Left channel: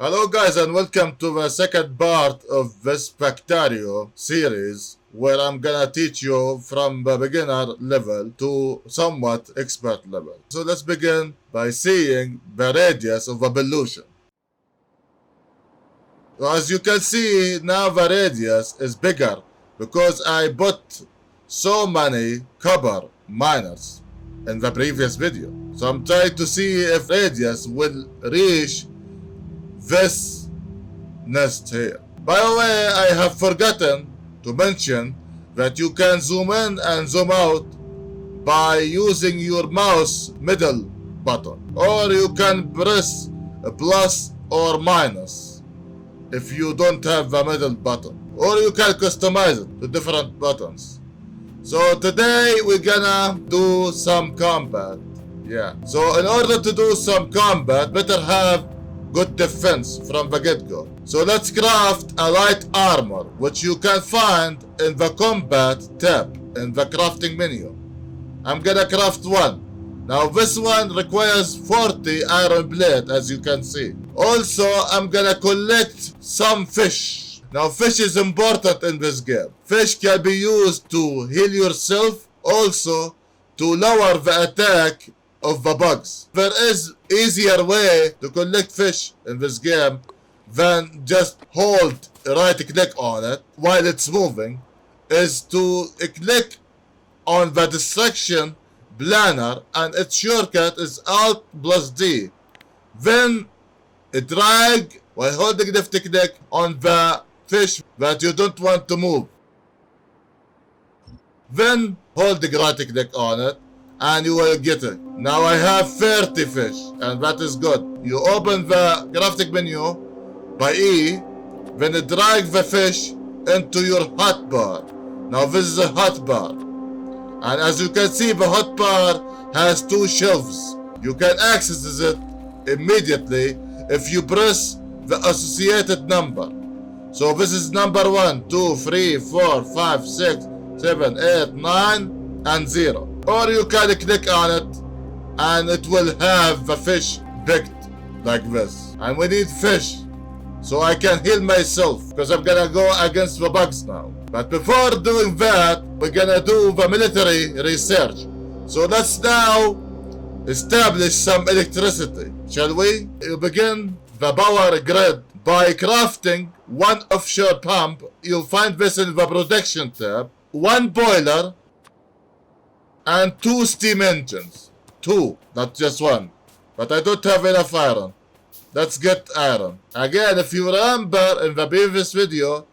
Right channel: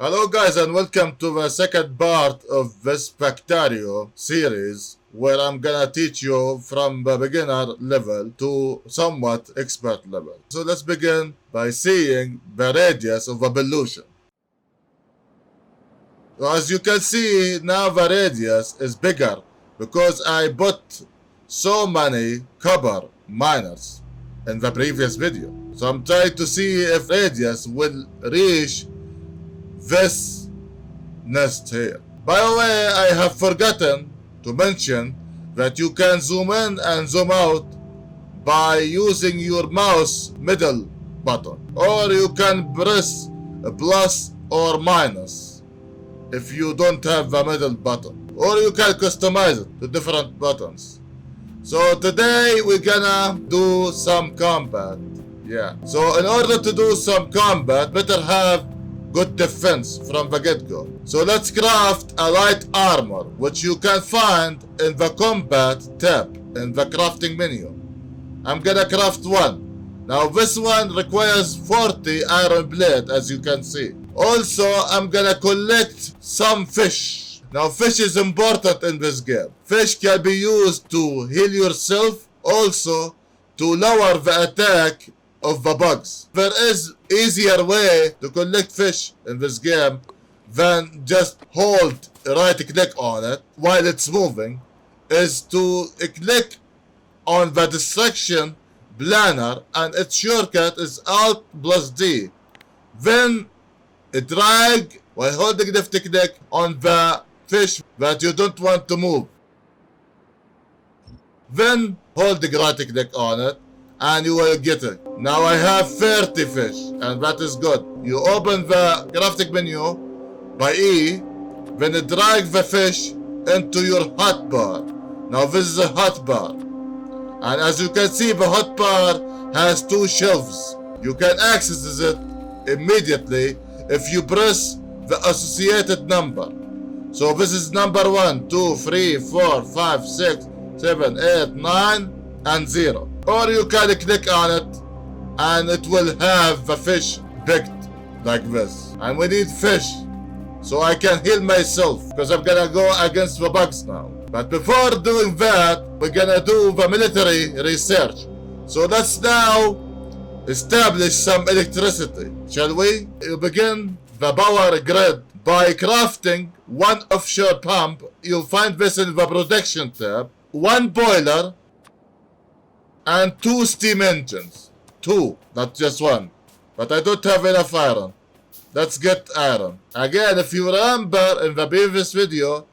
Hello guys and welcome to the second part of this Factorio series where I'm gonna teach you from the beginner level to somewhat expert level. So let's begin by seeing the radius of a pollution. As you can see now the radius is bigger because I put so many copper miners in the previous video. So I'm trying to see if radius will reach this nest here. By the way, I have forgotten to mention that you can zoom in and zoom out by using your mouse middle button, or you can press a plus or minus if you don't have the middle button, or you can customize it to different buttons. So today we're gonna do some combat. So in order to do some combat, better have good defense from the get-go. So let's craft a light armor, which you can find in the combat tab in the crafting menu. I'm gonna craft one. Now this one requires 40 iron plate, as you can see. Also, I'm gonna collect some fish. Now fish is important in this game. Fish can be used to heal yourself, also to lower the attack of the bugs. There is easier way to collect fish in this game than just hold right click on it while it's moving, is to click on the distraction planner and its shortcut is Alt plus D. Then drag while holding left click on the fish that you don't want to move. Then holding right click on it and you will get it. Now I have 30 fish and that is good. You open the crafting menu by E, then drag the fish into your hotbar. Now this is a hotbar, and as you can see the hotbar has two shelves. You can access it immediately if you press the associated number. So this is number 1, 2, 3, 4, 5, 6, 7, 8, 9 and 0. Or you can click on it and it will have the fish picked like this. And we need fish so I can heal myself because I'm gonna go against the bugs now. But before doing that, we're gonna do the military research. So let's now establish some electricity, shall we? You begin the power grid by crafting one offshore pump. You'll find this in the production tab. One boiler and 2 steam engines. 2, not just 1. But I don't have enough iron. Let's get iron. Again, if you remember in the previous video,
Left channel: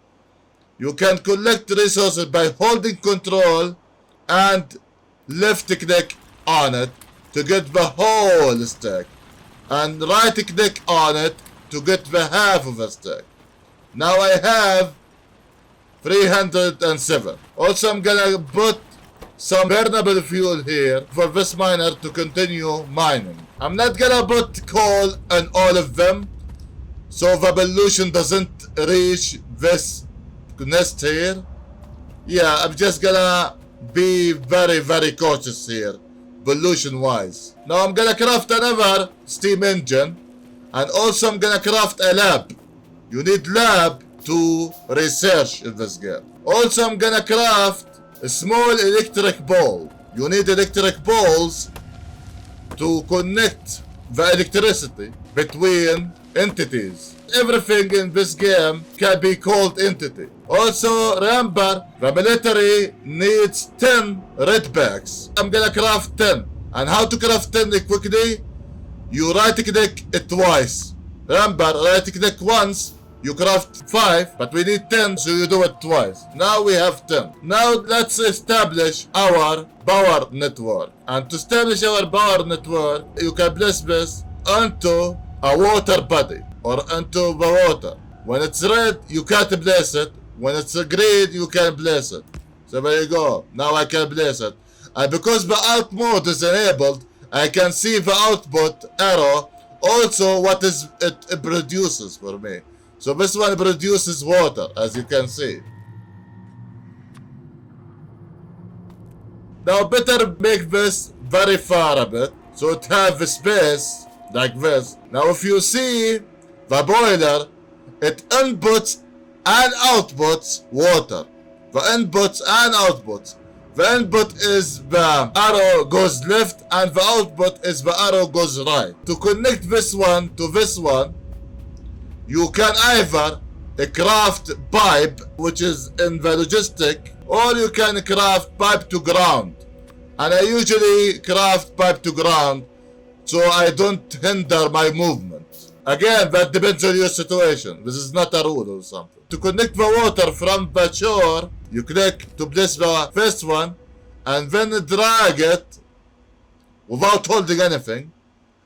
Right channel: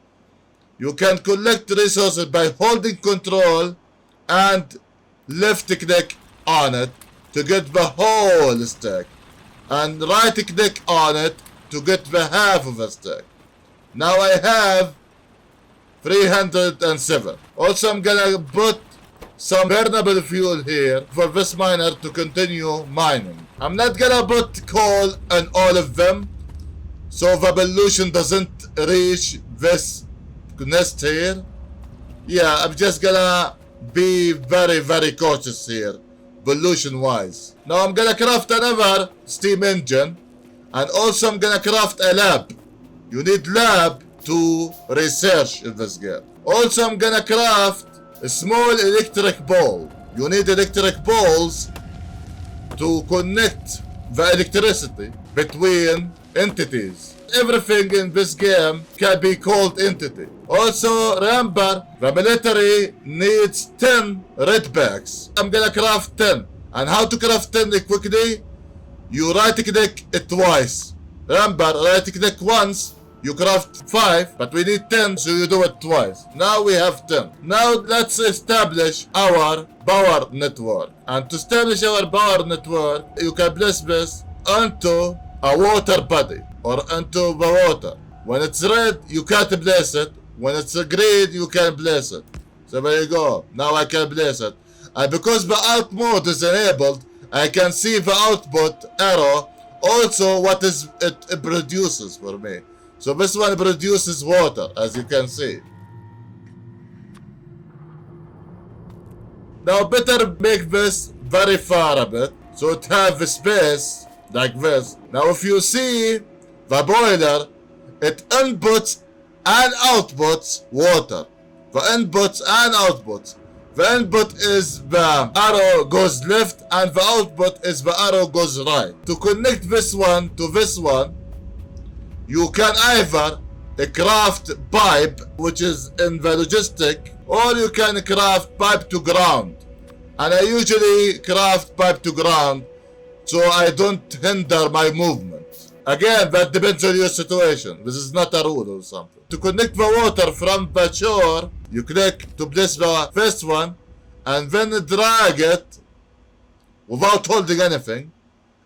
you can collect resources by holding control and left click on it to get the whole stack. And right click on it to get the half of the stack. Now I have 307. Also I'm gonna put some burnable fuel here for this miner to continue mining. I'm not gonna put coal in all of them so the pollution doesn't reach this nest here. I'm just gonna be very cautious here pollution wise. Now I'm gonna craft another steam engine and also I'm gonna craft a lab. You need lab to research in this game. Also I'm gonna craft a small electric ball. You need electric balls to connect the electricity between entities. Everything in this game can be called entity. Also remember, the military needs 10 red bags. I'm gonna craft 10. And how to craft 10 quickly? You right click it twice. Remember, right click once, you craft 5, but we need 10, so you do it twice. Now we have 10. Now let's establish our power network. And to establish our power network, you can place this onto a water body or into the water. When it's red, you can't place it. When it's green, you can place it. So there you go. Now I can place it. And because the out mode is enabled, I can see the output arrow. Also what is it produces for me. So this one produces water, as you can see. Now better make this very far a bit, so it have a space like this. Now if you see the boiler, it inputs and outputs water. The inputs and outputs. The input is the arrow goes left and the output is the arrow goes right. To connect this one to this one, you can either craft pipe, which is in the logistic, or you can craft pipe to ground. And I usually craft pipe to ground so I don't hinder my movement. Again, that depends on your situation. This is not a rule or something. To connect the water from the shore, you click to place the first one and then drag it without holding anything.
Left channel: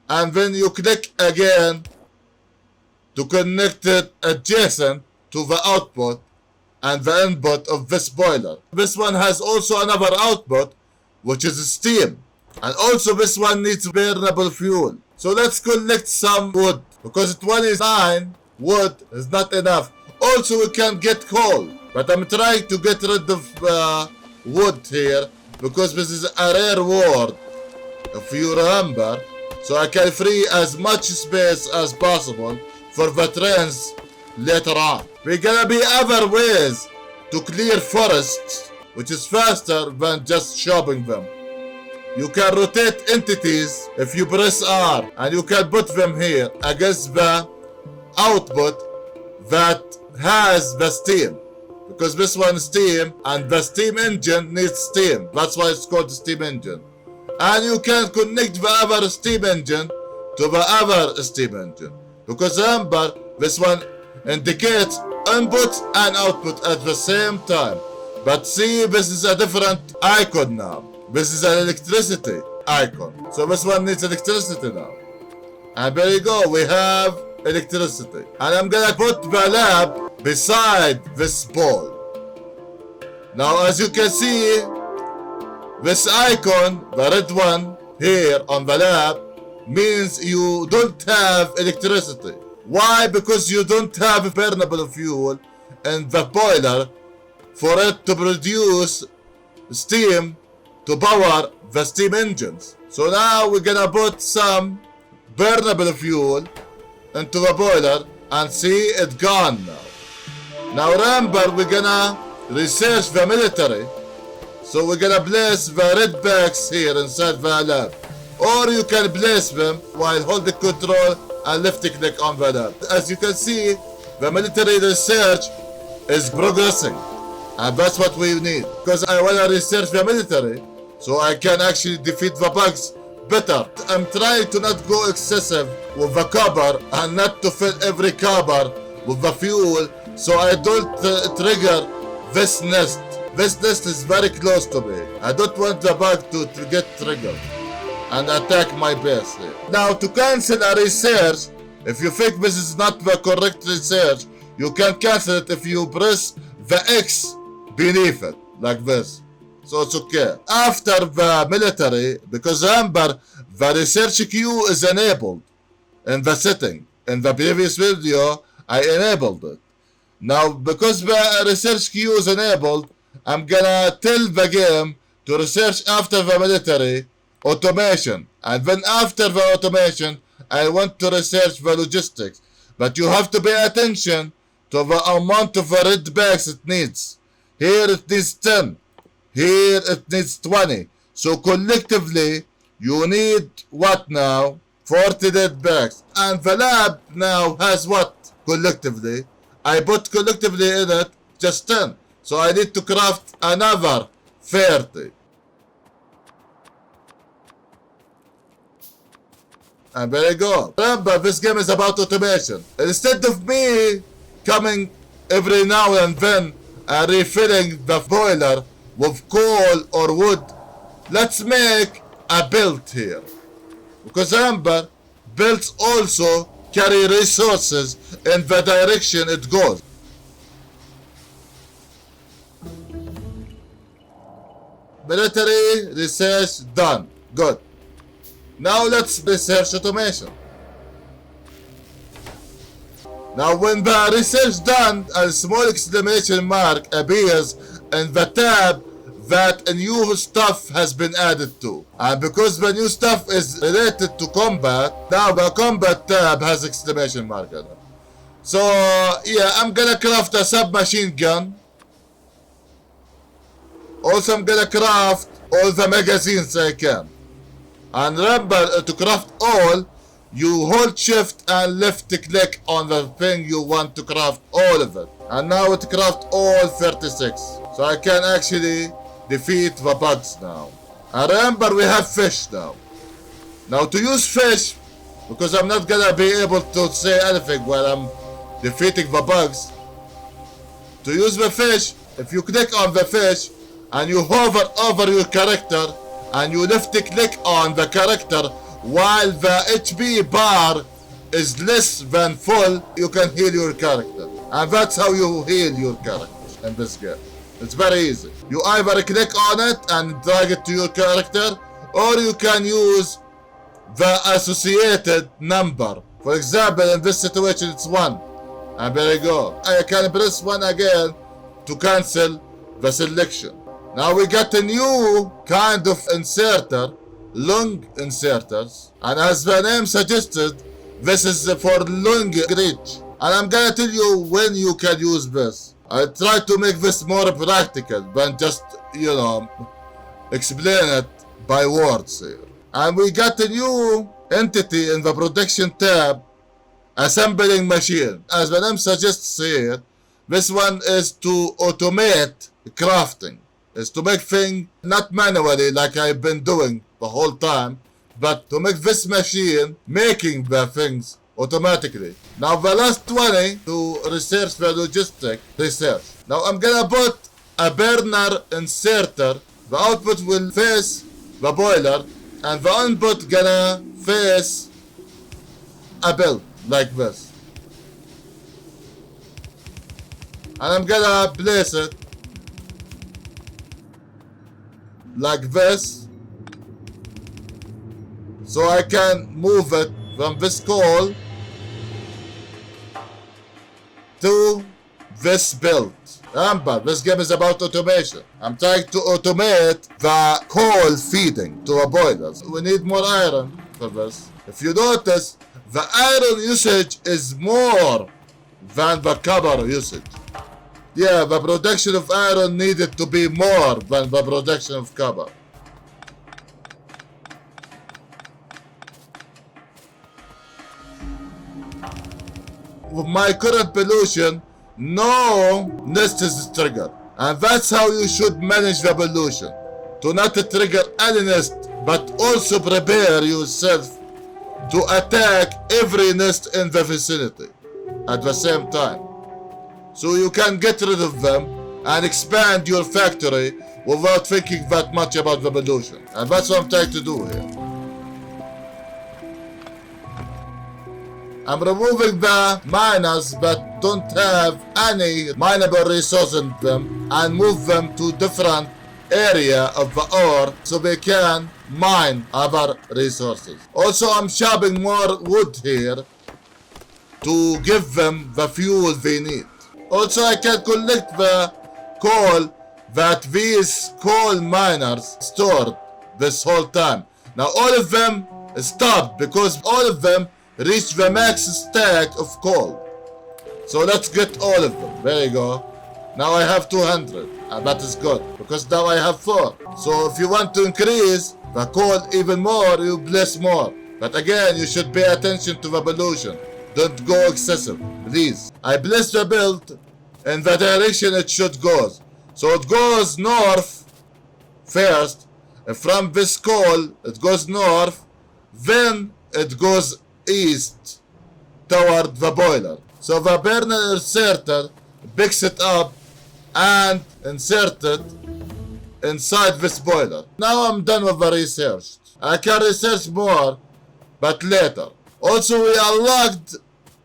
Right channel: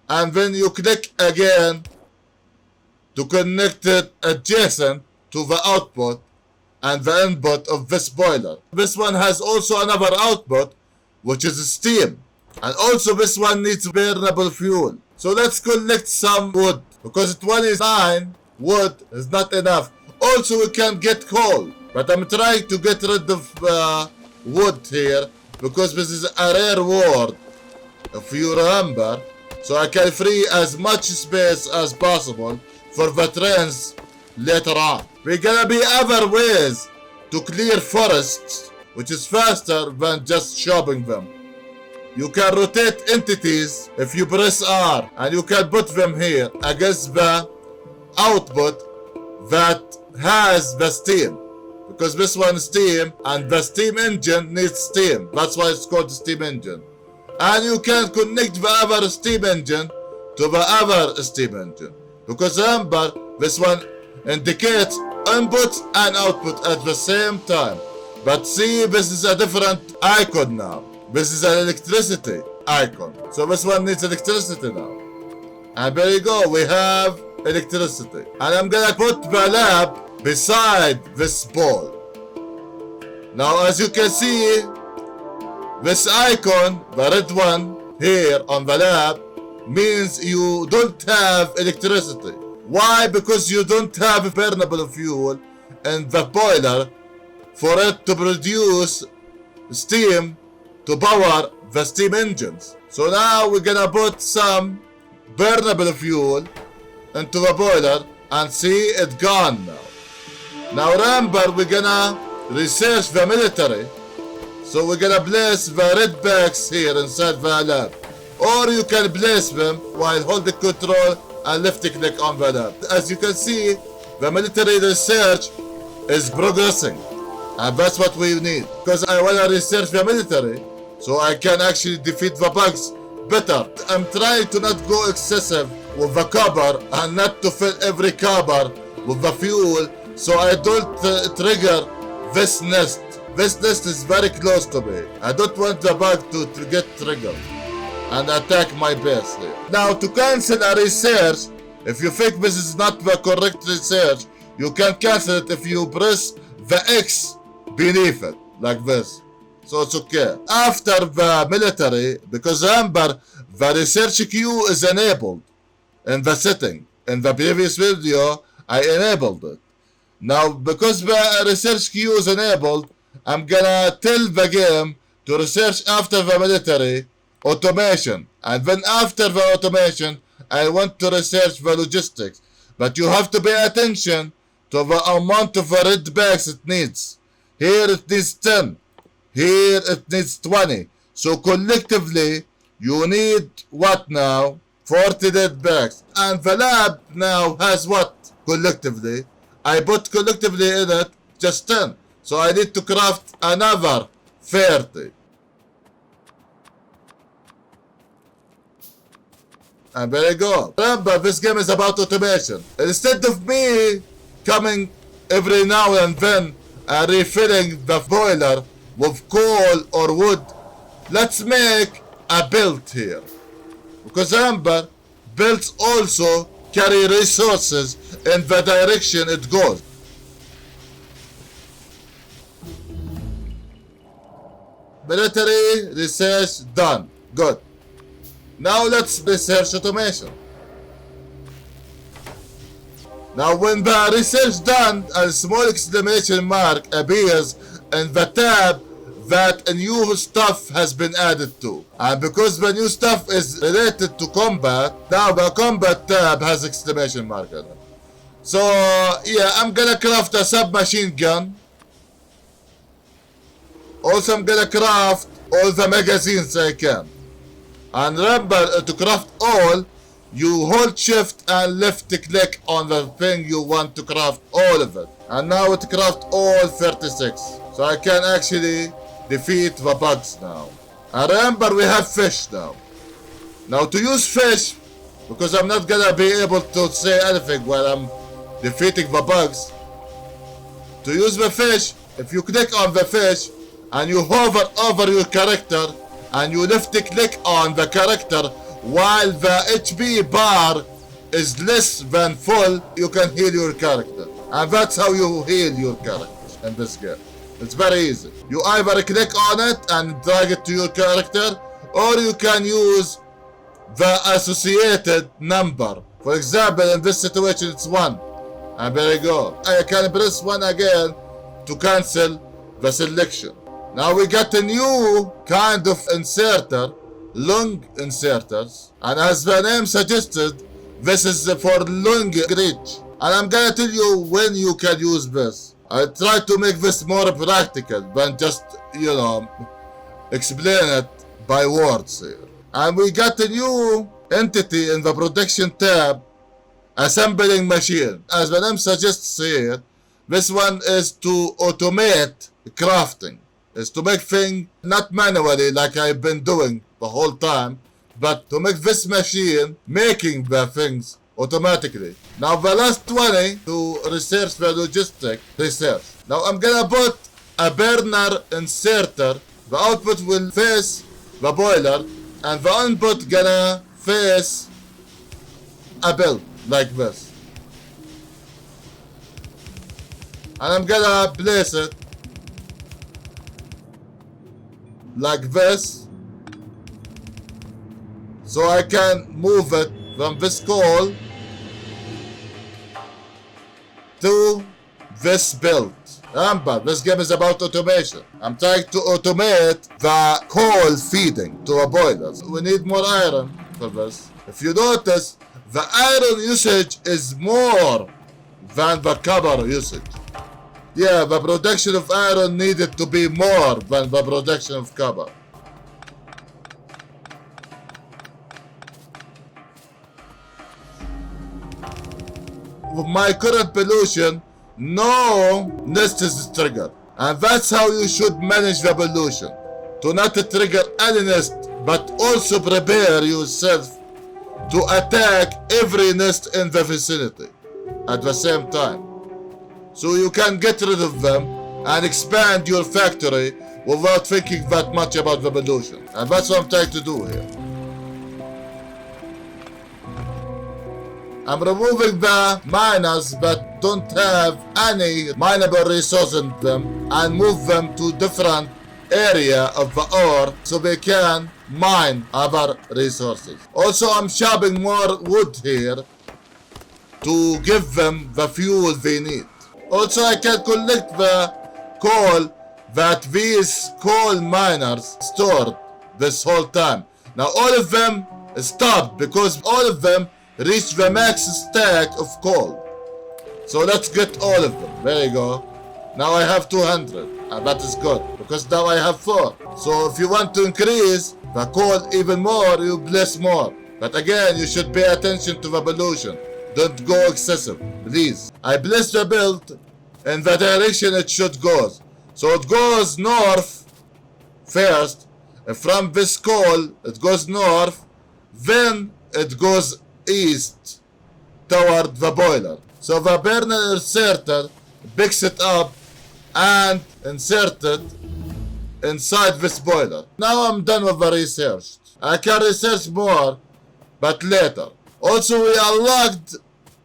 And then you click again to connect it adjacent to the output and the input of this boiler. This one has also another output, which is steam. And also this one needs burnable fuel. So let's collect some wood, because 29 wood is not enough. Also we can get coal, but I'm trying to get rid of wood here, because this is a rare word, if you remember. So I can free as much space as possible for the trains later on. We're gonna be other ways to clear forests, which is faster than just chopping them. You can rotate entities if you press R, and you can put them here against the output that has the steam, because this one is steam and the steam engine needs steam. That's why it's called the steam engine. And you can connect the other steam engine to the other steam engine, because remember, this one indicates input and output at the same time. But see, this is a different icon now. This is an electricity icon. So this one needs electricity now. And there you go, we have electricity. And I'm gonna put the lab beside this pole. Now as you can see, this icon, the red one here on the lab, means you don't have electricity. Why? Because you don't have burnable fuel in the boiler for it to produce steam to power the steam engines. So now we're gonna put some burnable fuel into the boiler and see it gone now. Now remember, we're gonna research the military. So we're gonna place the red bags here inside the lab. Or you can place them while holding control and left click on the lab. As you can see, the military research is progressing. And that's what we need. Because I wanna research the military so I can actually defeat the bugs better. I'm trying to not go excessive with the copper and not to fill every copper with the fuel so I don't trigger this nest. This nest is very close to me. I don't want the bug to get triggered and attack my base here. Now to cancel a research, if you think this is not the correct research, you can cancel it if you press the X beneath it, like this. So it's okay. After the military, because remember, the research queue is enabled in the setting. In the previous video, I enabled it. Now, because the research queue is enabled, I'm gonna tell the game to research after the military automation. And then after the automation, I want to research the logistics. But you have to pay attention to the amount of red bags it needs. Here it needs 10. Here it needs 20. So collectively, you need what now? 40 red bags. And the lab now has what collectively? I put collectively in it just 10. So I need to craft another 30. And there you go. Remember, this game is about automation. Instead of me coming every now and then and refilling the boiler with coal or wood, let's make a belt here. Because remember, belts also carry resources in the direction it goes. Military research done. Good. Now let's research automation. Now when the research done, a small exclamation mark appears in the tab that a new stuff has been added to. And because the new stuff is related to combat, now the combat tab has exclamation mark in it. So yeah, I'm gonna craft a submachine gun. Also, I'm gonna craft all the magazines I can. And remember, to craft all, you hold shift and left click on the thing you want to craft all of it. And now it craft all 36. So I can actually defeat the bugs now. And remember, we have fish now. Now to use fish, because I'm not gonna be able to say anything while I'm defeating the bugs. To use the fish, if you click on the fish and you hover over your character and you left click on the character while the HP bar is less than full, you can heal your character. And that's how you heal your characters in this game. It's very easy. You either click on it and drag it to your character, or you can use the associated number. For example, in this situation it's 1. And there you go. I can press 1 again to cancel the selection. Now we got a new kind of inserter, long inserters. And as the name suggested, this is for long reach. And I'm gonna tell you when you can use this. I try to make this more practical than just, explain it by words here. And we got a new entity in the protection tab, assembling machine. As the name suggests here, this one is to automate crafting. Is to make things not manually like I've been doing the whole time, but to make this machine making the things automatically. Now the last 20 to research the logistic research. Now I'm gonna put a burner inserter. The output will face the boiler and the input gonna face a build like this. And I'm gonna place it like this, so I can move it from this coal to this build. Remember, this game is about automation. I'm trying to automate the coal feeding to the boilers. We need more iron for this. If you notice, the iron usage is more than the copper usage. Yeah, the production of iron needed to be more than the production of copper. With my current pollution, no nest is triggered. And that's how you should manage the pollution. To not trigger any nest, but also prepare yourself to attack every nest in the vicinity at the same time. So you can get rid of them and expand your factory without thinking that much about the pollution. And that's what I'm trying to do here. I'm removing the miners that don't have any mineable resource in them and move them to different area of the ore so they can mine other resources. Also, I'm chopping more wood here to give them the fuel they need. Also, I can collect the coal that these coal miners stored this whole time. Now all of them stopped because all of them reached the max stack of coal. So let's get all of them. There you go. Now I have 200, and that is good because now I have 4. So if you want to increase the coal even more, you place more. But again, you should pay attention to the pollution. Don't go excessive, please. I place the build in the direction it should go. So it goes north first. From this coal, it goes north. Then it goes east toward the boiler. So the burner inserter picks it up and insert it inside this boiler. Now I'm done with the research. I can research more, but later. Also, we unlocked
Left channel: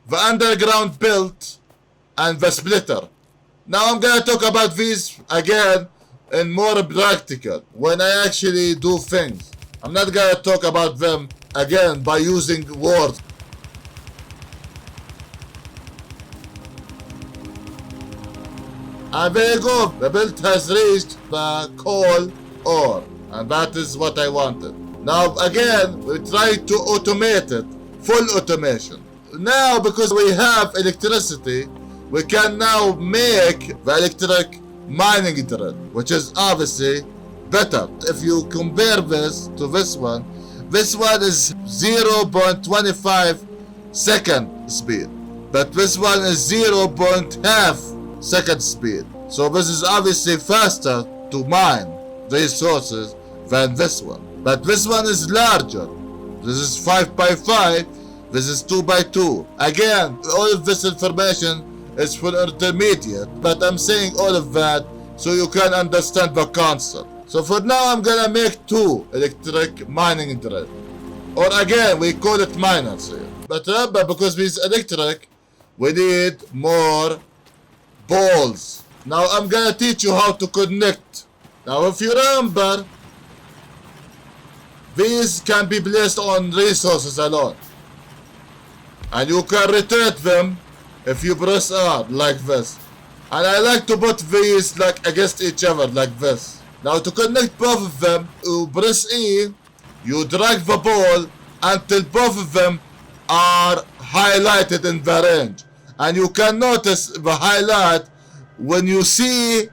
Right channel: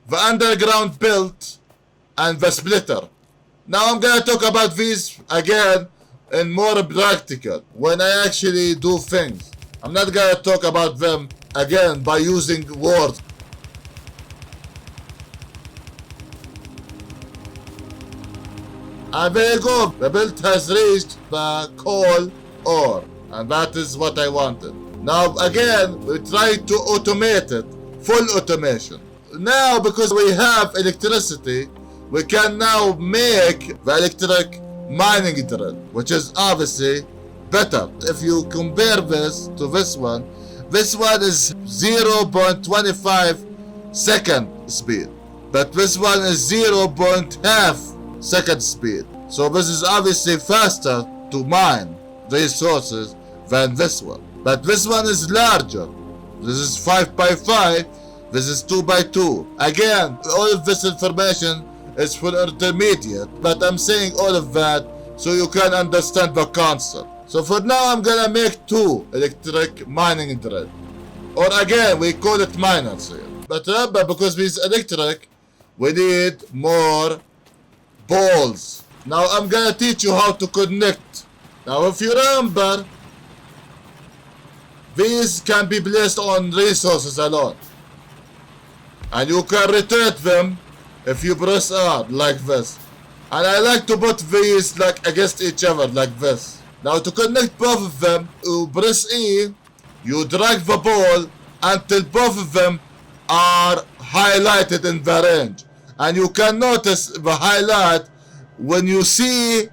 the underground belt and the splitter. Now I'm gonna talk about these again in more practical when I actually do things. I'm not gonna talk about them again by using words. And there you go, the belt has reached the coal ore, and that is what I wanted. Now again, we try to automate it, full automation. now because we have electricity, we can now make the electric mining drill, which is obviously better. If you compare this to this one is 0.25 second speed, but this one is 0.5 second speed. So this is obviously faster to mine resources than this one. But this one is larger. This is 5 by 5, this is 2 by 2. Again, all of this information is for intermediate, but I'm saying all of that so you can understand the concept. So for now, I'm gonna make 2 electric mining drill. Or again, we call it miners here. But remember, because it's electric, we need more balls. Now I'm gonna teach you how to connect. Now if you remember, these can be placed on resources alone. And you can rotate them if you press R like this. And I like to put these like against each other like this. Now to connect both of them, you press E, you drag the ball until both of them are highlighted in the range. And you can notice the highlight when you see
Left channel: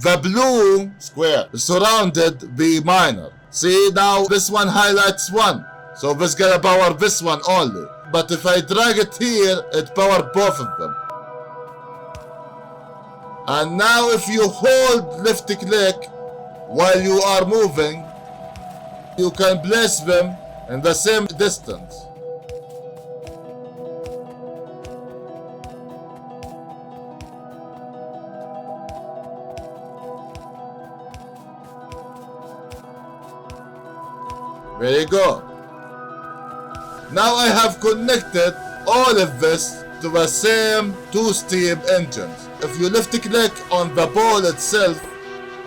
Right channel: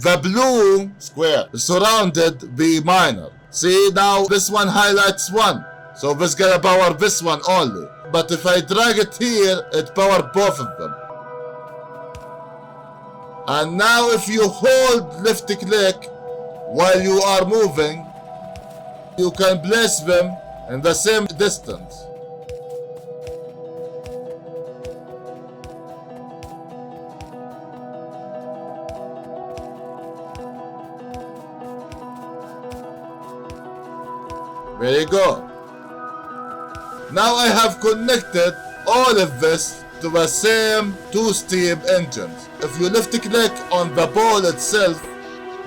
the blue square surrounded the miner. See, now this one highlights 1. So this gonna power this one only. But if I drag it here, it power both of them. And now if you hold left click while you are moving, you can place them in the same distance. There you go. Now I have connected all of this to the same 2 steam engines. If you left click on the ball itself,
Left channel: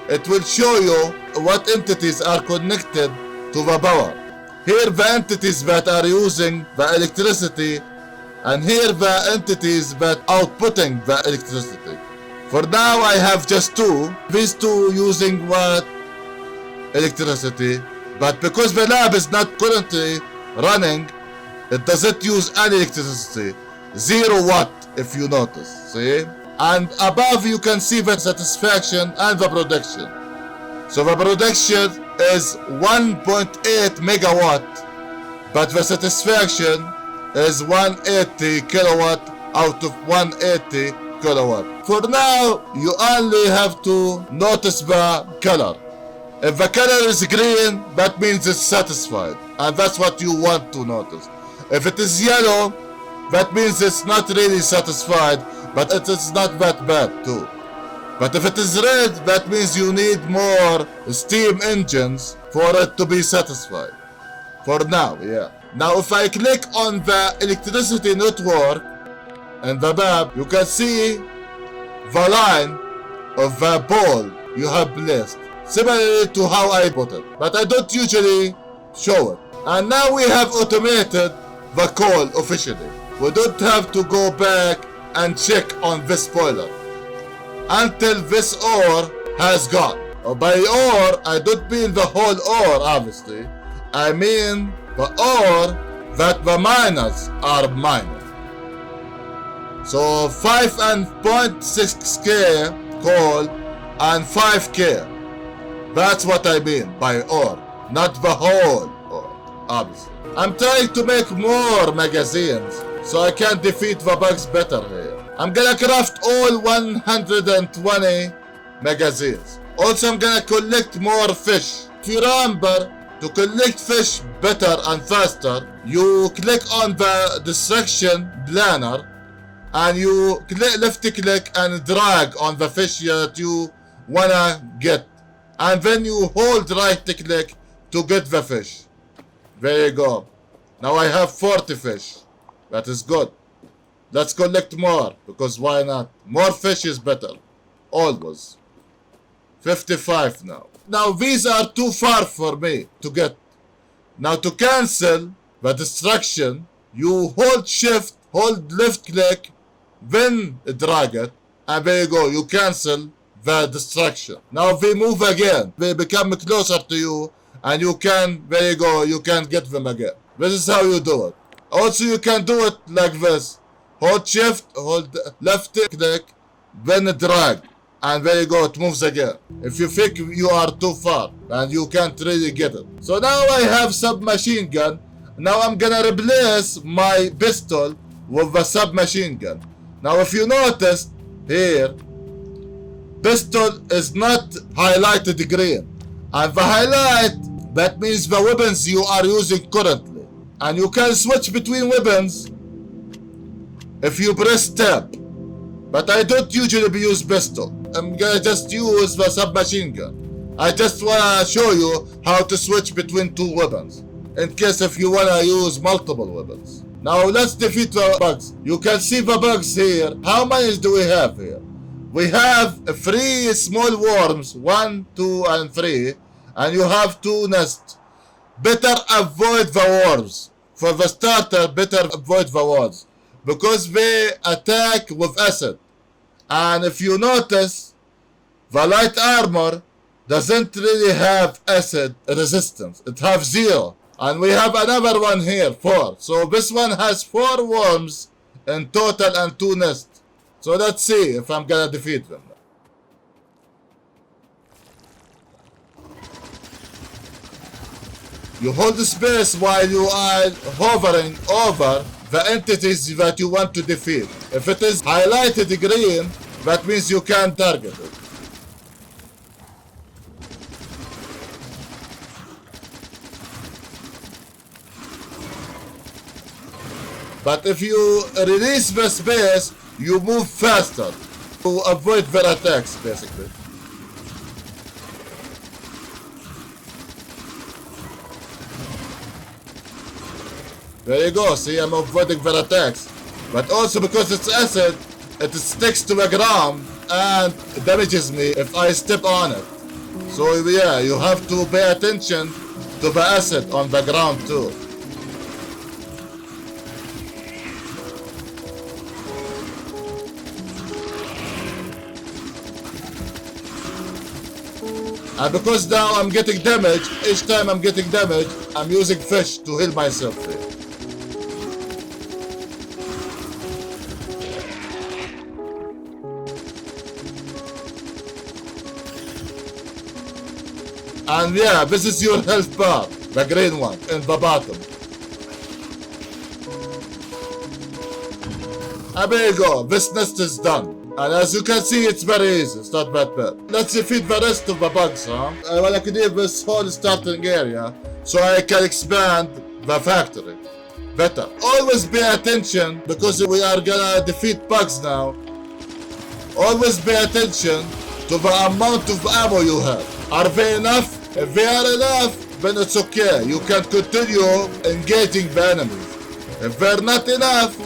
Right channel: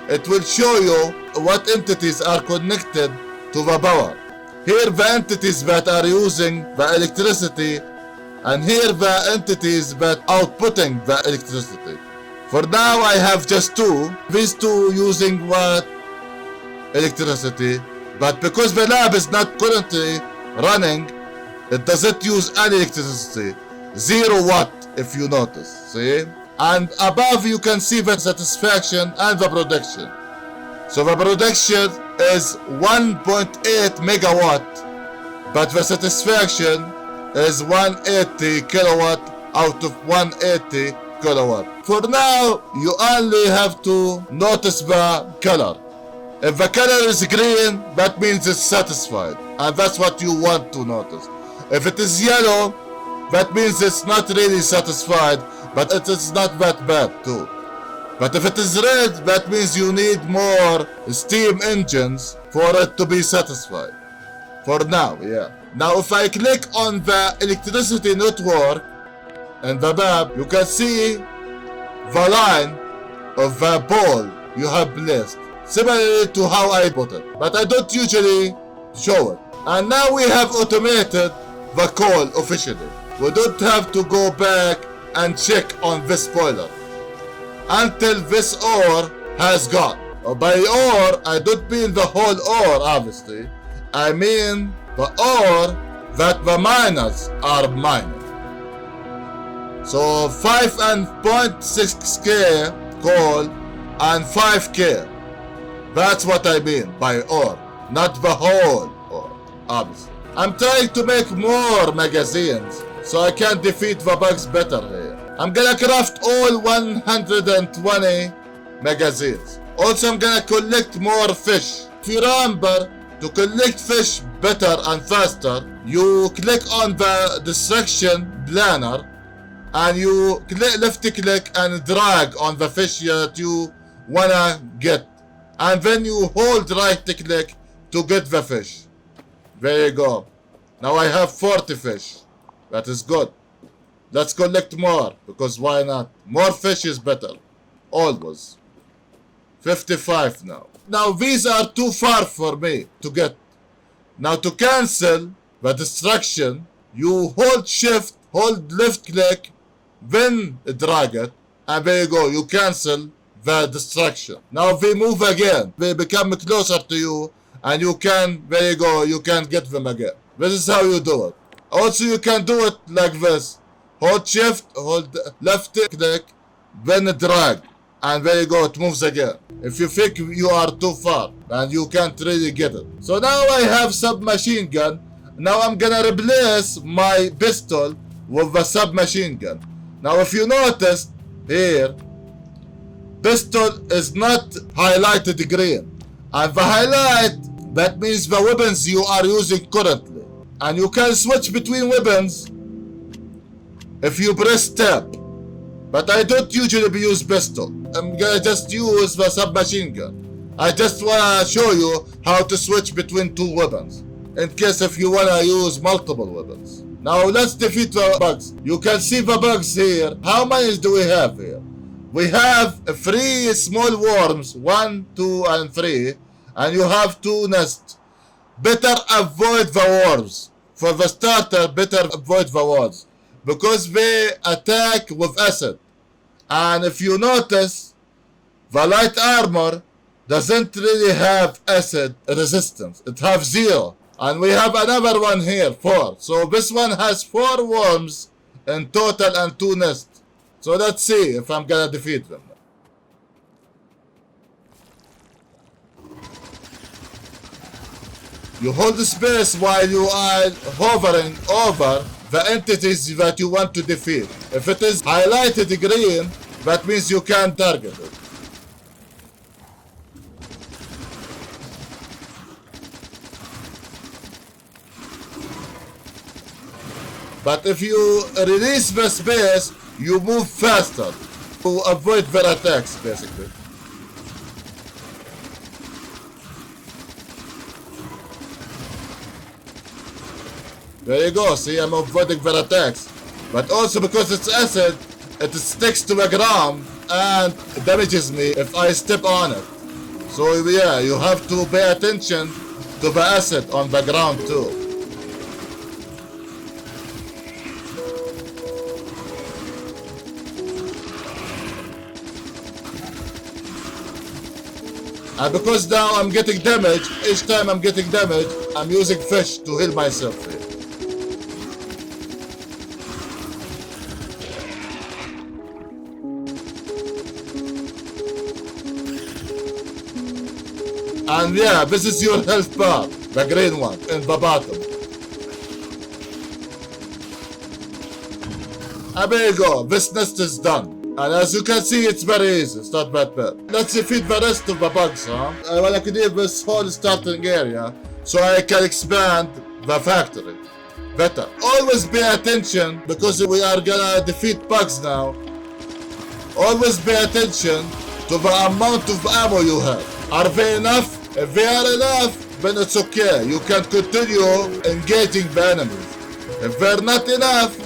it will show you what entities are connected to the power. Here the entities that are using the electricity, and here the entities that outputting the electricity. For now I have just 2. These 2 using what? Electricity. But because the lab is not currently running, it doesn't use any electricity. 0 watt if you notice, see? And above you can see the satisfaction and the production. So the production is 1.8 megawatt, but the satisfaction is 180 kilowatt out of 180 kilowatt. For now, you only have to notice the color. If the color is green, that means it's satisfied, and that's what you want to notice. If it is yellow, that means it's not really satisfied, but it is not that bad too. But if it is red, that means you need more steam engines for it to be satisfied. For now, yeah. Now if I click on the electricity network and the map, you can see the line of the pole you have placed, similar to how I put it, but I don't usually show it. And now we have automated the call officially. We don't have to go back and check on this spoiler until this ore has gone. By ore, I don't mean the whole ore, obviously. I mean the ore that the miners are mining. So 5.6k coal and 5k. That's what I mean by ore, not the whole ore, obviously. I'm trying to make more magazines so I can defeat the bugs better here. I'm gonna craft all 120 magazines. Also, I'm gonna collect more fish. If you remember, to collect fish better and faster, you click on the destruction planner and you left click and drag on the fish that you wanna get. And then you hold right click to get the fish. There you go. Now I have 40 fish. That is good. Let's collect more, because why not? More fish is better. Always. 55 now. Now these are too far for me to get. Now to cancel the destruction, you hold shift, hold left click, then drag it, and there you go, you cancel the destruction. Now they move again, they become closer to you, and you can, there you go, you can get them again. This is how you do it. Also, you can do it like this. Hold shift, hold left click, then drag. And there you go, it moves again. If you think you are too far and you can't really get it. So now I have submachine gun. Now I'm gonna replace my pistol with the submachine gun. Now if you notice here, pistol is not highlighted green. And the highlight, that means the weapons you are using currently. And you can switch between weapons if you press tab. But I don't usually use pistol. I'm gonna just use the submachine gun. I just wanna show you how to switch between two weapons, in case if you wanna use multiple weapons. Now let's defeat the bugs. You can see the bugs here. How many do we have here? We have 3 small worms, 1, 2, and 3, and you have 2 nests. Better avoid the worms. For the starter, better avoid the worms, because they attack with acid. And if you notice, the light armor doesn't really have acid resistance. It has 0. And we have another one here, 4. So this one has 4 worms in total and 2 nests. So let's see if I'm gonna defeat them. You hold the space while you are hovering over the entities that you want to defeat. If it is highlighted green, that means you can target it. But if you release the space, you move faster to avoid their attacks, basically. There you go, see, I'm avoiding their attacks. But also because it's acid, it sticks to the ground and damages me if I step on it. So yeah, you have to pay attention to the acid on the ground too. And because now I'm getting damage, each time I'm getting damage, I'm using fish to heal myself too. And yeah, this is your health bar, the green one, in the bottom. And there you go, this nest is done. And as you can see, it's very easy, it's not that bad. Let's defeat the rest of the bugs, huh? I want to clear this whole starting area, so I can expand the factory better. Always pay attention, because we are gonna defeat bugs now. Always pay attention to the amount of ammo you have. Are they enough? If they are enough, then it's okay. You can continue engaging the enemies. If they're not enough,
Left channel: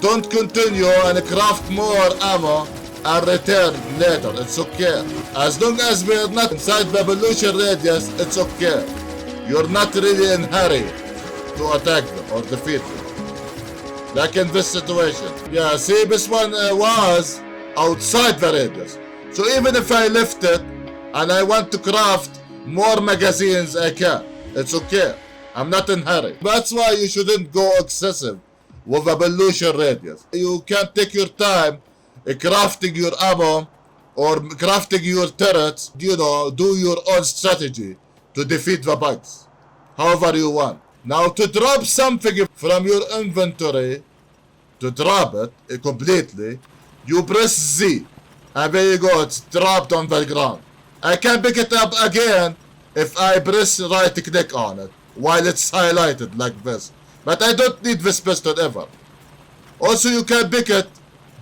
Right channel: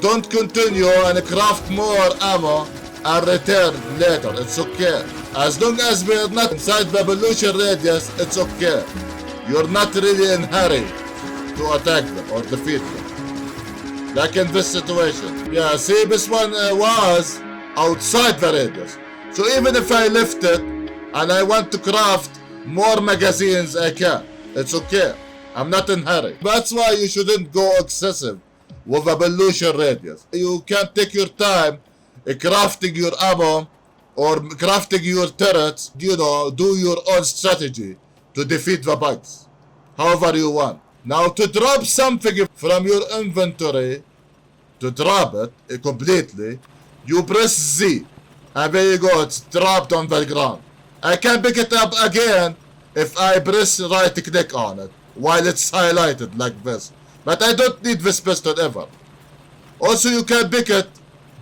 don't continue and craft more ammo and return later. It's okay. As long as we're not inside the pollution radius, it's okay. You're not really in a hurry to attack them or defeat them. Like in this situation. Yeah, see, this one was outside the radius. So even if I lift it and I want to craft more magazines, I can. It's okay. I'm not in a hurry. That's why you shouldn't go excessive with a pollution radius. You can take your time crafting your ammo or crafting your turrets. You know, do your own strategy to defeat the bugs, however you want. Now to drop something from your inventory, to drop it completely, you press Z. And there you go, it's dropped on the ground. I can pick it up again if I press right click on it while it's highlighted like this. But I don't need this pistol ever. Also you can pick it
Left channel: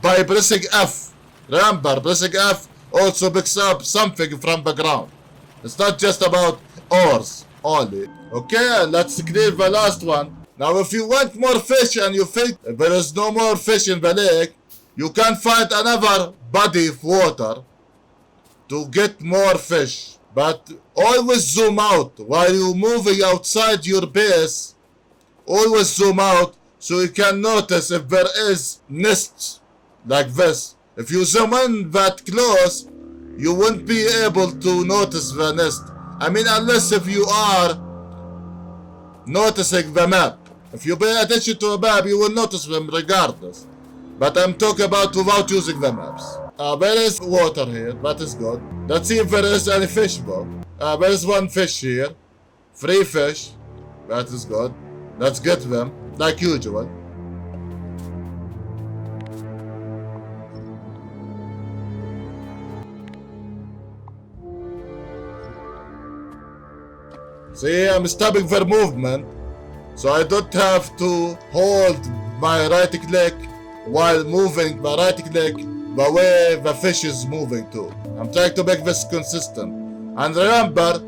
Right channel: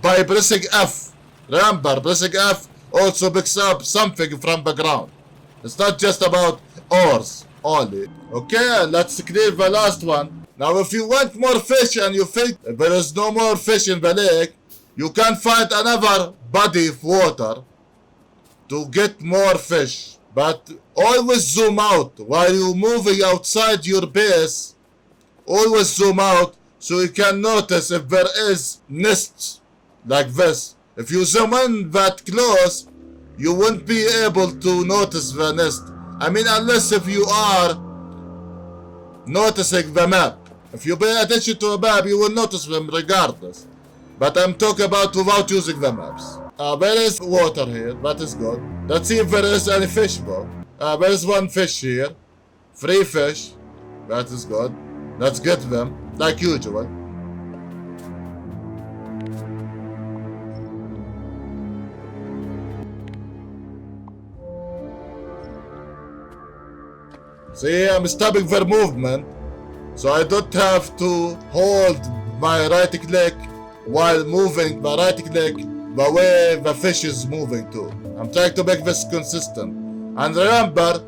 by pressing F. Remember, pressing F also picks up something from the ground. It's not just about ores only. Okay, let's clear the last one. Now if you want more fish and you think there is no more fish in the lake, you can find another body of water to get more fish. But always zoom out while you're moving outside your base. Always zoom out so you can notice if there is nests like this. If you zoom in that close, you won't be able to notice the nest. I mean, unless if you are noticing the map. If you pay attention to a map, you will notice them regardless. But I'm talking about without using the maps. There is water here, that is good. Let's see if there is any fish though. There is one fish here. 3 fish. That is good. Let's get them, like usual. See, I'm stopping their movement, so I don't have to hold my right click while moving my right click the way the fish is moving to. I'm trying to make this consistent. And remember,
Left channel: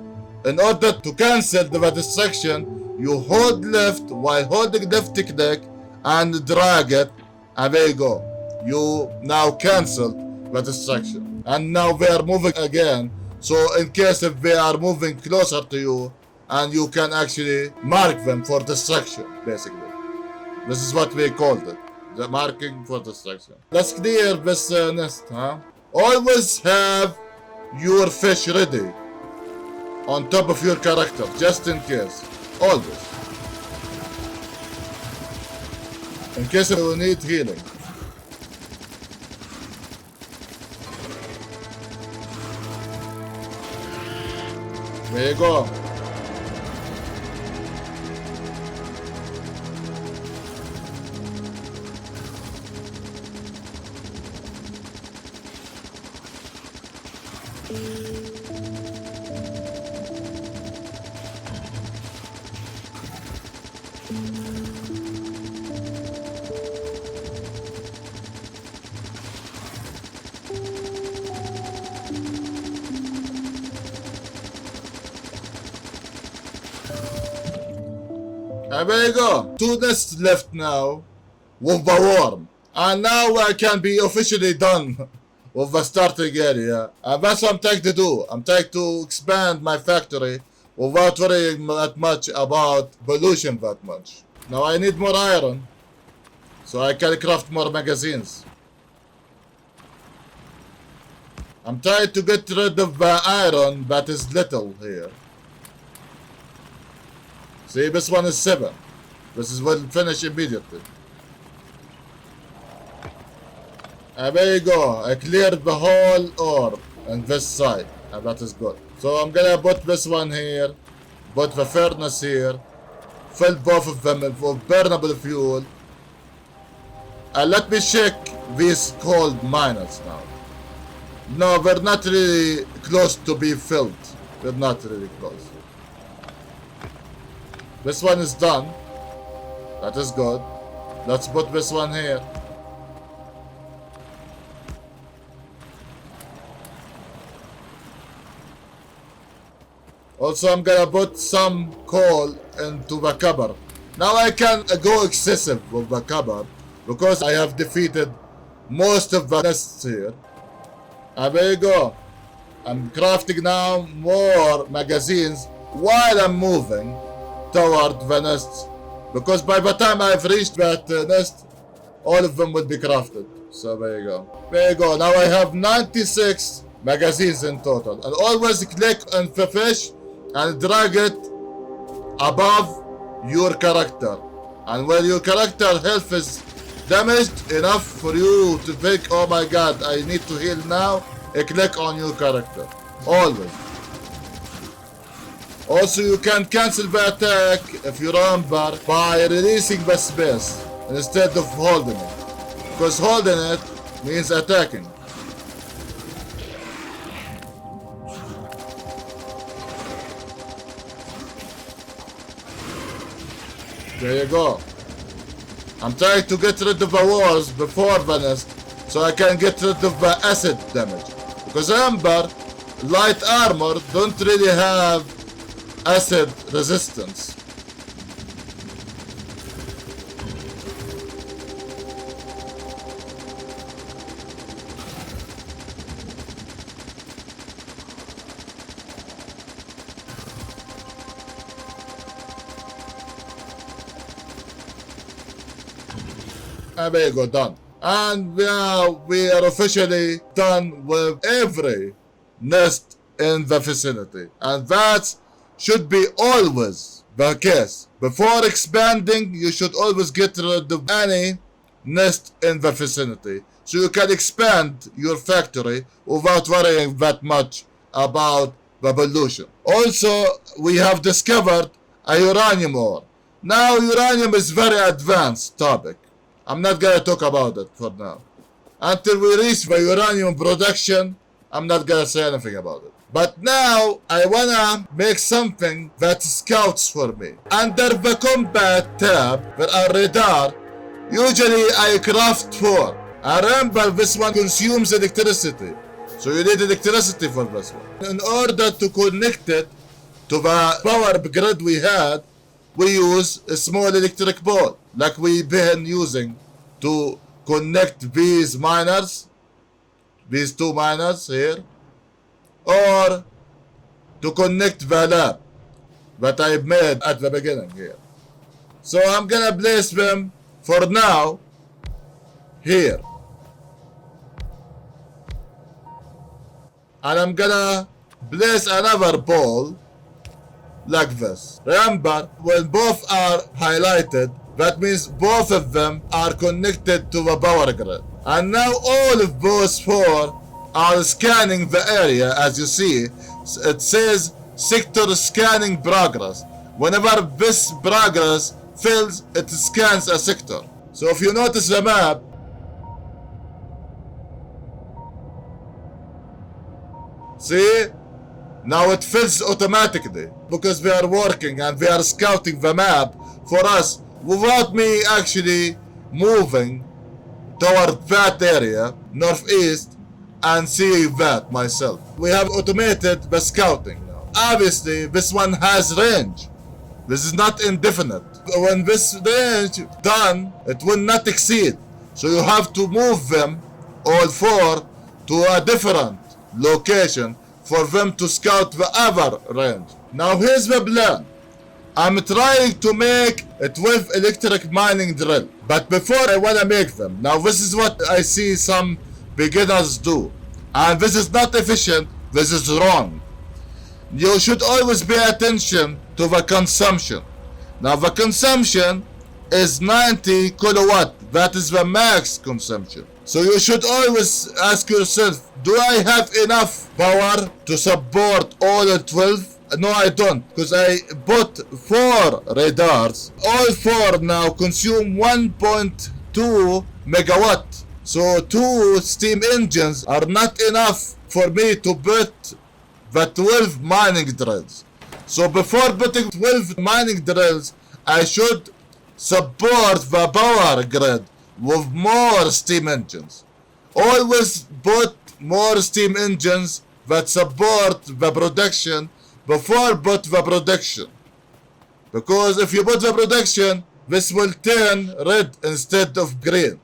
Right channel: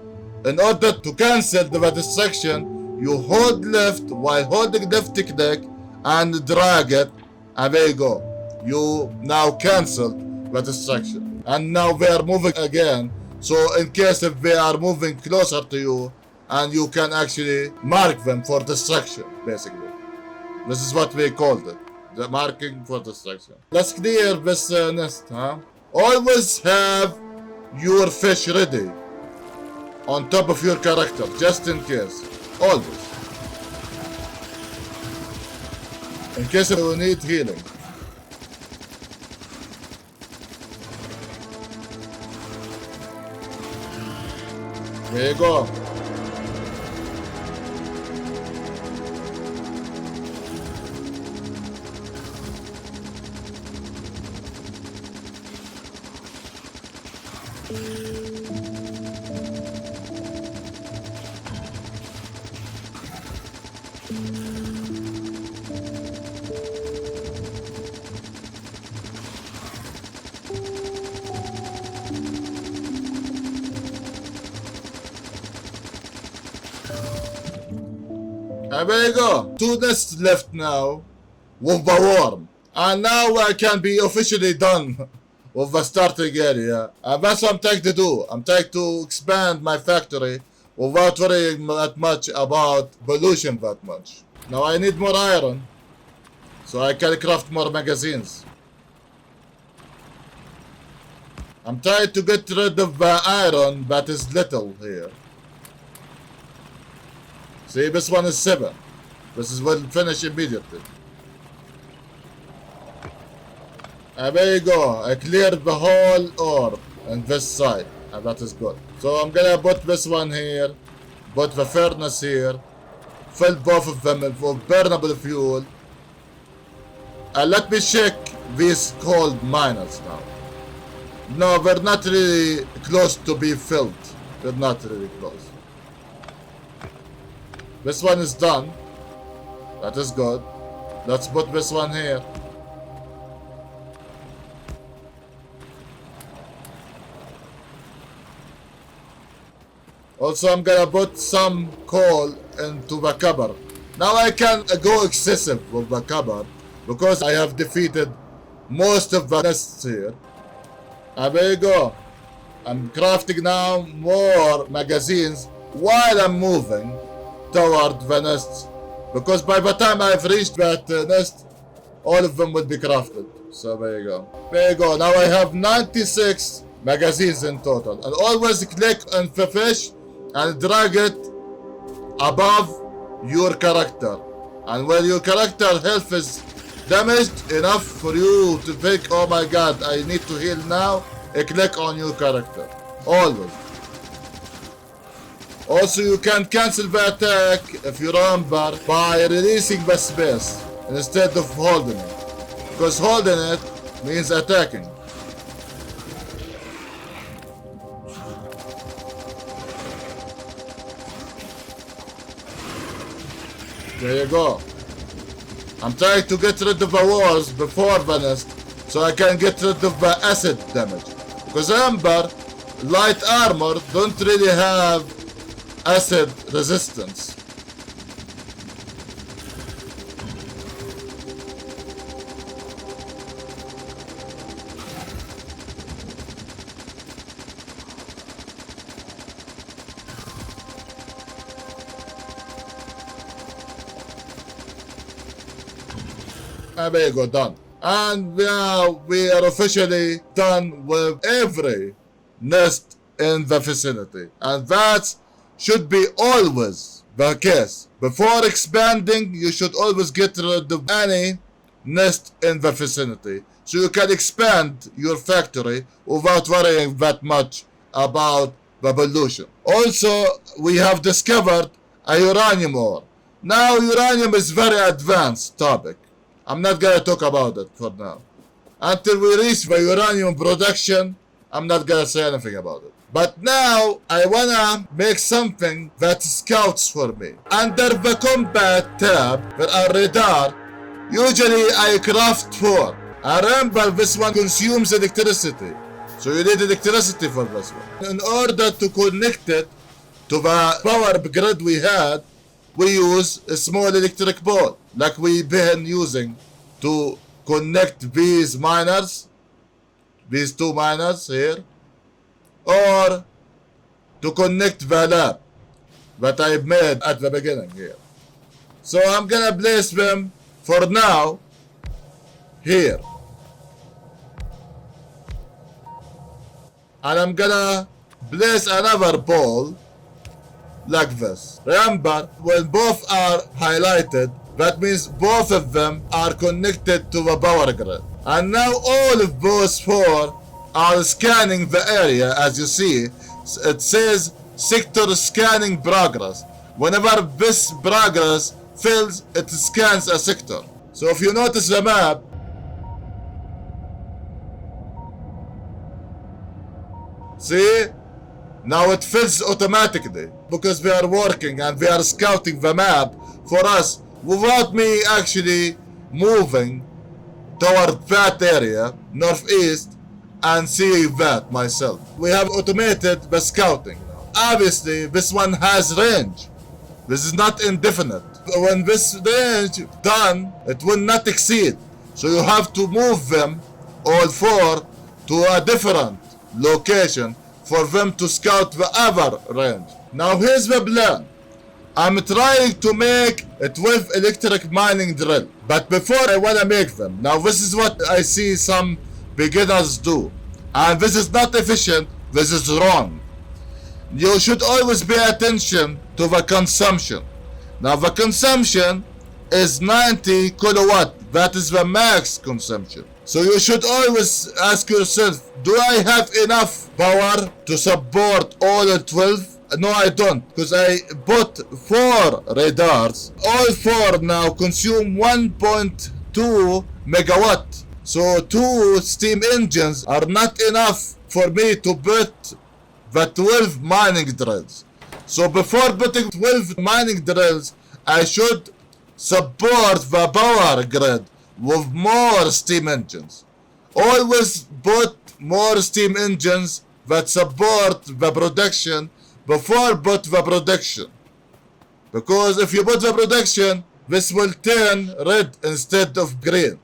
in order to cancel the distraction, you hold left while holding left click and drag it, and there you go. You now canceled the distraction. And now they are moving again, so in case if they are moving closer to you, and you can actually mark them for distraction, basically. This is what we called it, the marking for distraction. Let's clear this nest, huh? Always have your fish ready on top of your character, just in case. Always. In case you need healing. There you go. And there you go. 2 nests left now with the worm. And now I can be officially done with the starting area. And that's what I'm trying to do. I'm trying to expand my factory without worrying that much about pollution that much. Now I need more iron, so I can craft more magazines. I'm trying to get rid of the iron that is little here. See, this one is 7. This is will finish immediately. And there you go. I cleared the whole ore on this side. And that is good. So I'm gonna put this one here. Put the furnace here. Fill both of them with burnable fuel. And let me check these coal miners now. No, they're not really close to be filled. They're not really close. This one is done. That is good. Let's put this one here. Also, I'm gonna put some coal into the cupboard. Now I can go excessive with the cupboard because I have defeated most of the nests here. And there you go. I'm crafting now more magazines while I'm moving toward the nests, because by the time I've reached that nest, all of them will be crafted. So there you go. There you go. Now I have 96 magazines in total. And always click on the fish and drag it above your character. And when your character health is damaged enough for you to think, oh my god, I need to heal now, click on your character. Always. Also, you can cancel the attack, if you remember, by releasing the space instead of holding it. Because holding it means attacking. There you go. I'm trying to get rid of the walls before the nest so I can get rid of the acid damage. Because remember, light armor don't really have acid resistance. And there you go, done. And now we are officially done with every nest in the vicinity. And that should be always the case. Before expanding, you should always get rid of any nest in the vicinity, so you can expand your factory without worrying that much about the pollution. Also, we have discovered a uranium ore. Now, uranium is very advanced topic. I'm not gonna talk about it for now. Until we reach the uranium production, I'm not gonna say anything about it. But now, I wanna make something that scouts for me. Under the combat tab, there are radar. Usually, I craft 4. I remember this one consumes electricity. So you need electricity for this one. In order to connect it to the power grid we had, we use a small electric pole, like we've been using to connect these miners, these 2 miners here, or to connect the lab that I made at the beginning here. So I'm gonna place them for now here. And I'm gonna place another pole like this. Remember, when both are highlighted, that means both of them are connected to the power grid. And now all of those 4 are scanning the area. As you see, it says sector scanning progress. Whenever this progress fills, it scans a sector. So if you notice the map, see? Now it fills automatically because we are working and we are scouting the map for us without me actually moving toward that area, northeast, and seeing that myself. We have automated the scouting. Obviously, this one has range. This is not indefinite. When this range done, it will not exceed. So you have to move them, all 4, to a different location for them to scout the other range. Now here's the plan. I'm trying to make a 12 electric mining drill. But before I wanna make them, now this is what I see some beginners do. And this is not efficient, this is wrong. You should always pay attention to the consumption. Now the consumption is 90 kilowatt. That is the max consumption. So you should always ask yourself, do I have enough power to support all the 12? No, I don't, because I bought 4 radars. All 4 now consume 1.2 megawatt. So 2 steam engines are not enough for me to put the 12 mining drills. So before putting 12 mining drills, I should support the power grid with more steam engines. Always put more steam engines that support the production before put the production. Because if you put the production, this will turn red instead of green.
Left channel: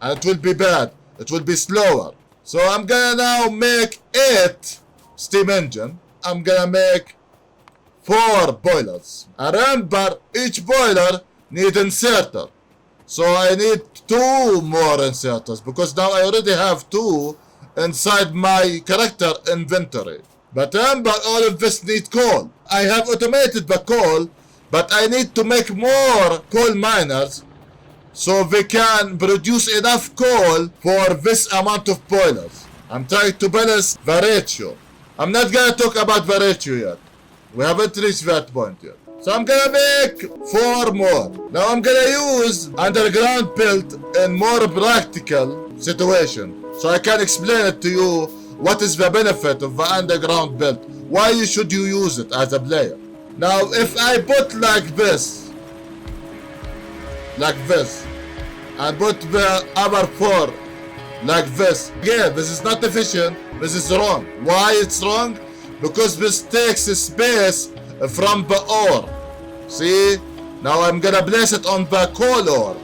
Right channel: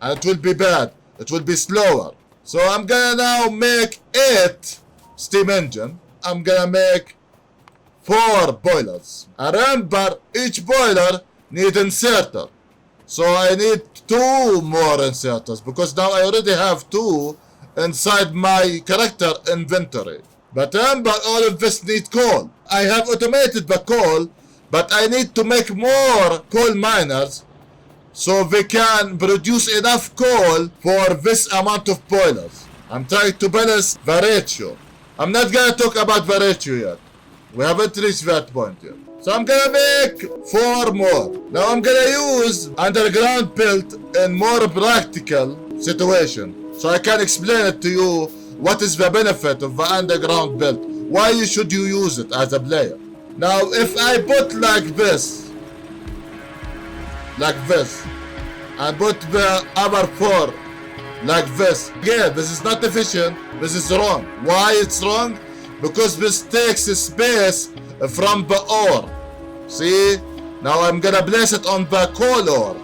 And it will be bad. It will be slower. So I'm gonna now make 8 steam engine. I'm gonna make 4 boilers. And remember, each boiler needs inserter. So I need 2 more inserters because now I already have 2 inside my character inventory. But remember, all of this need coal. I have automated the coal, but I need to make more coal miners so they can produce enough coal for this amount of boilers. I'm trying to balance the ratio. I'm not gonna talk about the ratio yet. We haven't reached that point yet. So I'm gonna make 4 more. Now I'm gonna use underground build in more practical situation. So I can explain it to you what is the benefit of the underground build. Why should you use it as a player? Now if I put like this, and put the other 4 like this. Again, this is not efficient, this is wrong. Why it's wrong? Because this takes space from the ore. See? Now I'm gonna place it on the coal ore.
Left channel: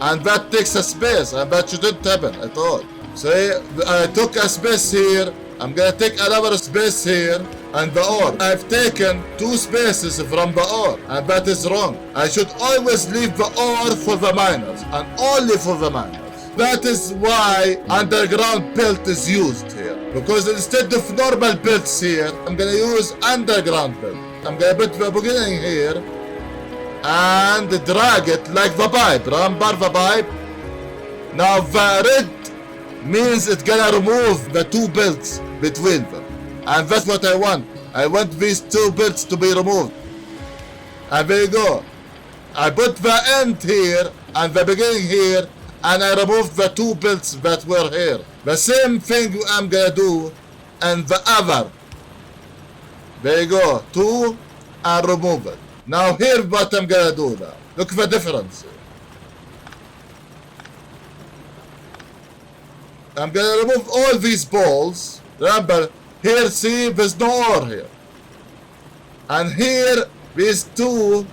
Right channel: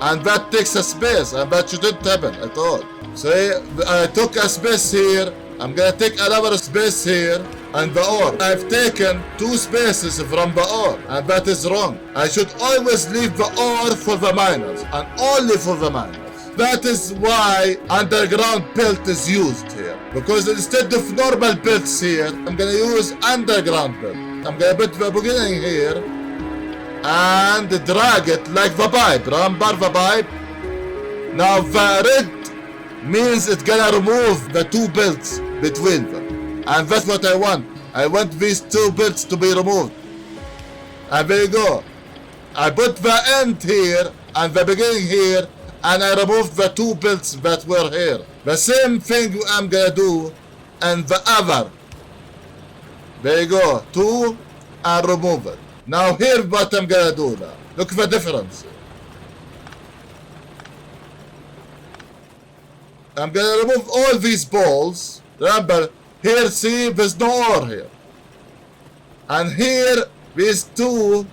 And that takes a space, and that shouldn't happen at all. See? I took a space here, I'm gonna take another space here, and the ore. I've taken 2 spaces from the ore, and that is wrong. I should always leave the ore for the miners, and only for the miners. That is why underground belt is used here. Because instead of normal belts here, I'm gonna use underground belt. I'm gonna put the beginning here, and drag it like the pipe. Remember the pipe? Now the red means it's gonna remove the two belts between them. And that's what I want. I want these two belts to be removed. And there you go. I put the end here and the beginning here, and I removed the two belts that were here. The same thing I'm gonna do in the other. There you go. Two and remove it. Now here's what I'm gonna do now. Look at the difference. I'm gonna remove all these balls. Remember, here see there's no ore here. And here these two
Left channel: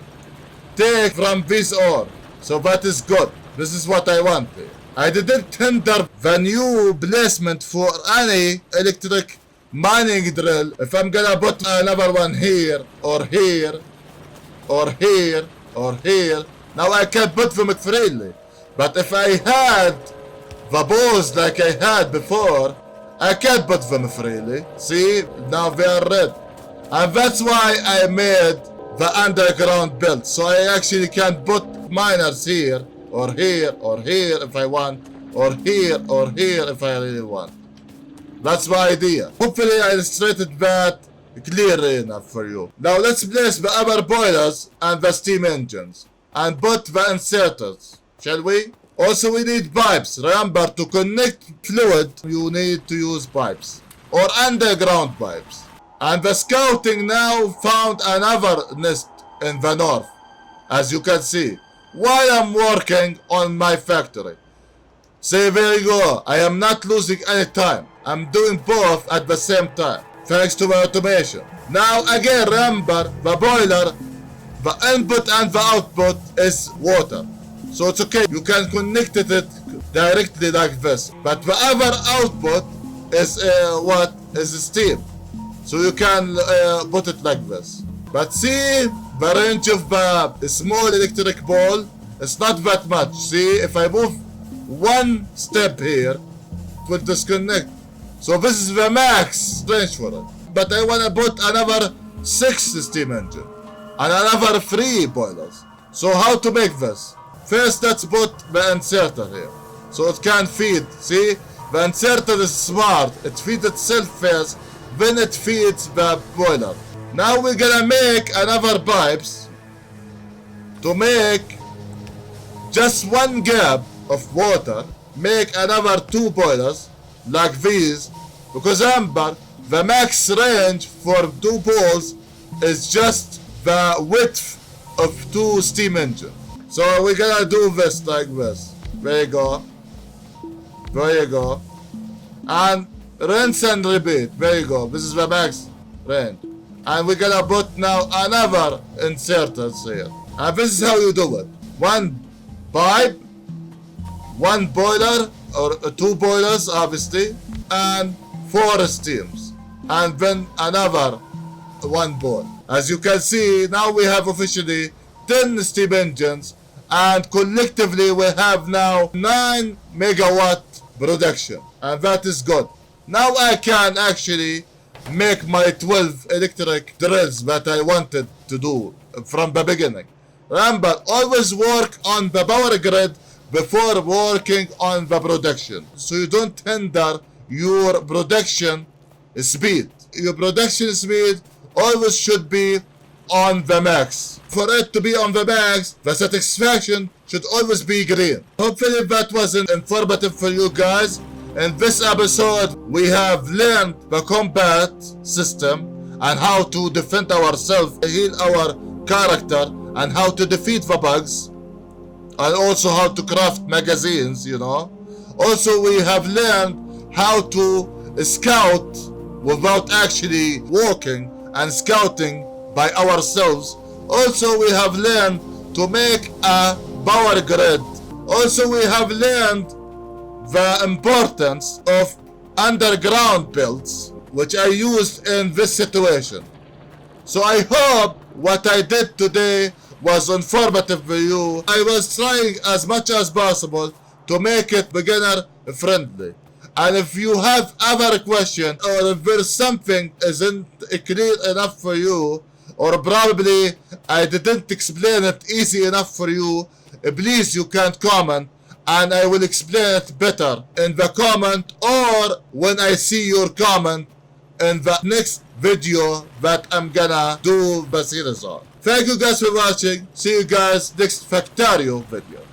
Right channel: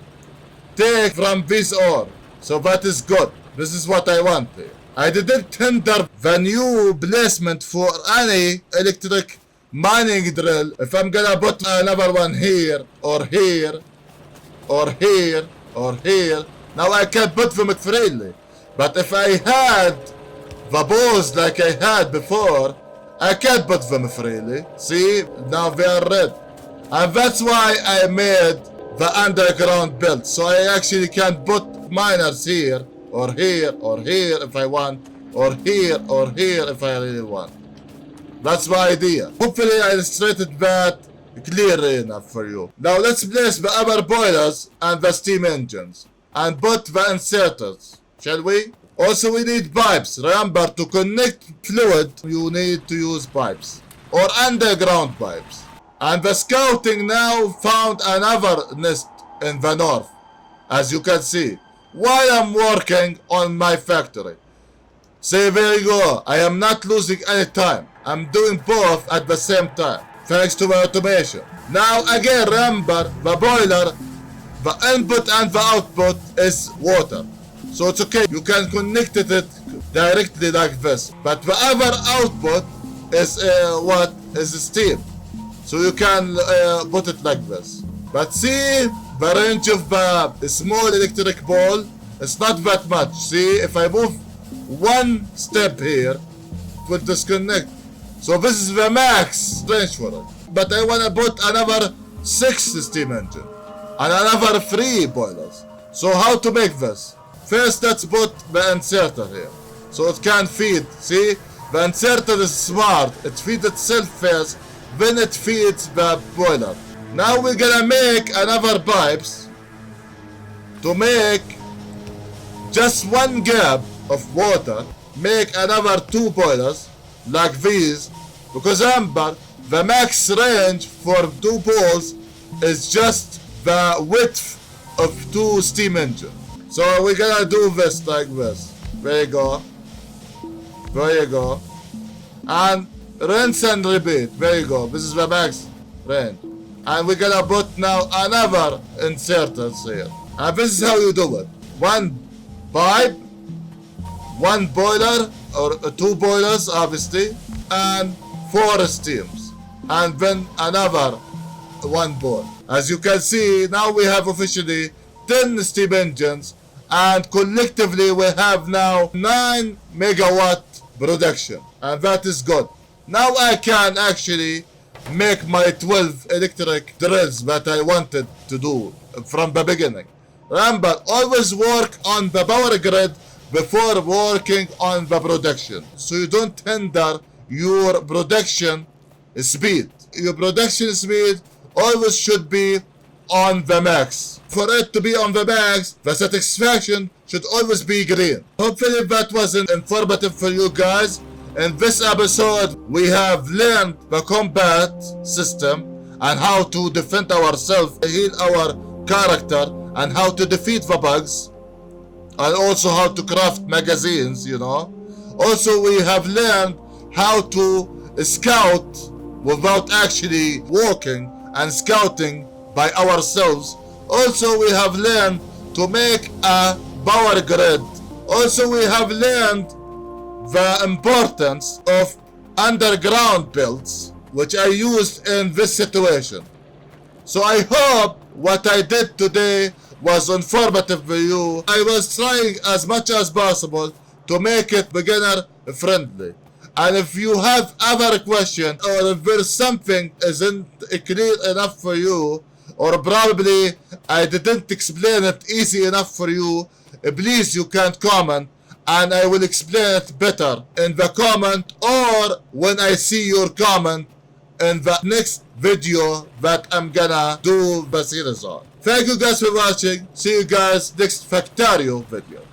take from this ore. So that is good. This is what I want here. I didn't tender the new placement for any electric mining drill. If I'm gonna put another one here, or here, or here, or here, now I can put them freely. But if I had the balls like I had before, I can't put them freely. See, now they are red. And that's why I made the underground belt. So I actually can put miners here, or here, or here if I want, or here if I really want. That's my idea. Hopefully I illustrated that clearly enough for you. Now let's place the other boilers and the steam engines and put the inserters, shall we? Also we need pipes. Remember, to connect fluid you need to use pipes or underground pipes. And the scouting now found another nest in the north, as you can see, while I'm working on my factory. See, there you go. I am not losing any time. I'm doing both at the same time, thanks to the automation. Now again, remember, the boiler, the input and the output is water. So it's okay, you can connect it directly like this. But the other output is what? Is steam. So you can put it like this. But see, the range of the small electric ball, it's not that much. See, if I move one step here, it will disconnect. So this is the max range for it. But I want to put another 6 steam engine and another 3 boilers. So how to make this? First, let's put the inserter here, so it can feed. See, the inserter is smart. It feeds itself first, then it feeds the boiler. Now we're gonna make another pipes to make just one gap of water. Make another 2 boilers like these, because remember, the max range for 2 balls is just the width of 2 steam engines. So we're gonna do this like this. There you go. There you go. And rinse and repeat. There you go. This is the max range. And we're gonna put now another inserters here. And this is how you do it. 1 pipe, 1 boiler, or 2 boilers obviously, and 4 steams. And then another 1 ball. As you can see, now we have officially 10 steam engines, and collectively we have now 9 megawatt production, and that is good. Now I can actually make my 12 electric drills that I wanted to do from the beginning. Remember, always work on the power grid before working on the production, so you don't hinder your production speed. Your production speed always should be on the max. For it to be on the max, the satisfaction should always be green. Hopefully that was informative for you guys. In this episode, we have learned the combat system and how to defend ourselves, heal our character, and how to defeat the bugs, and also how to craft magazines, you know. Also, we have learned how to scout without actually walking and scouting by ourselves. Also, we have learned to make a power grid. Also, we have learned the importance of underground builds, which I used in this situation. So I hope what I did today was informative for you. I was trying as much as possible to make it beginner friendly. And if you have other questions, or if there's something isn't clear enough for you, or probably I didn't explain it easy enough for you, please you can comment and I will explain it better in the comment or when I see your comment in the next video that I'm gonna do the series on. Thank you guys for watching. See you guys next Factorio video.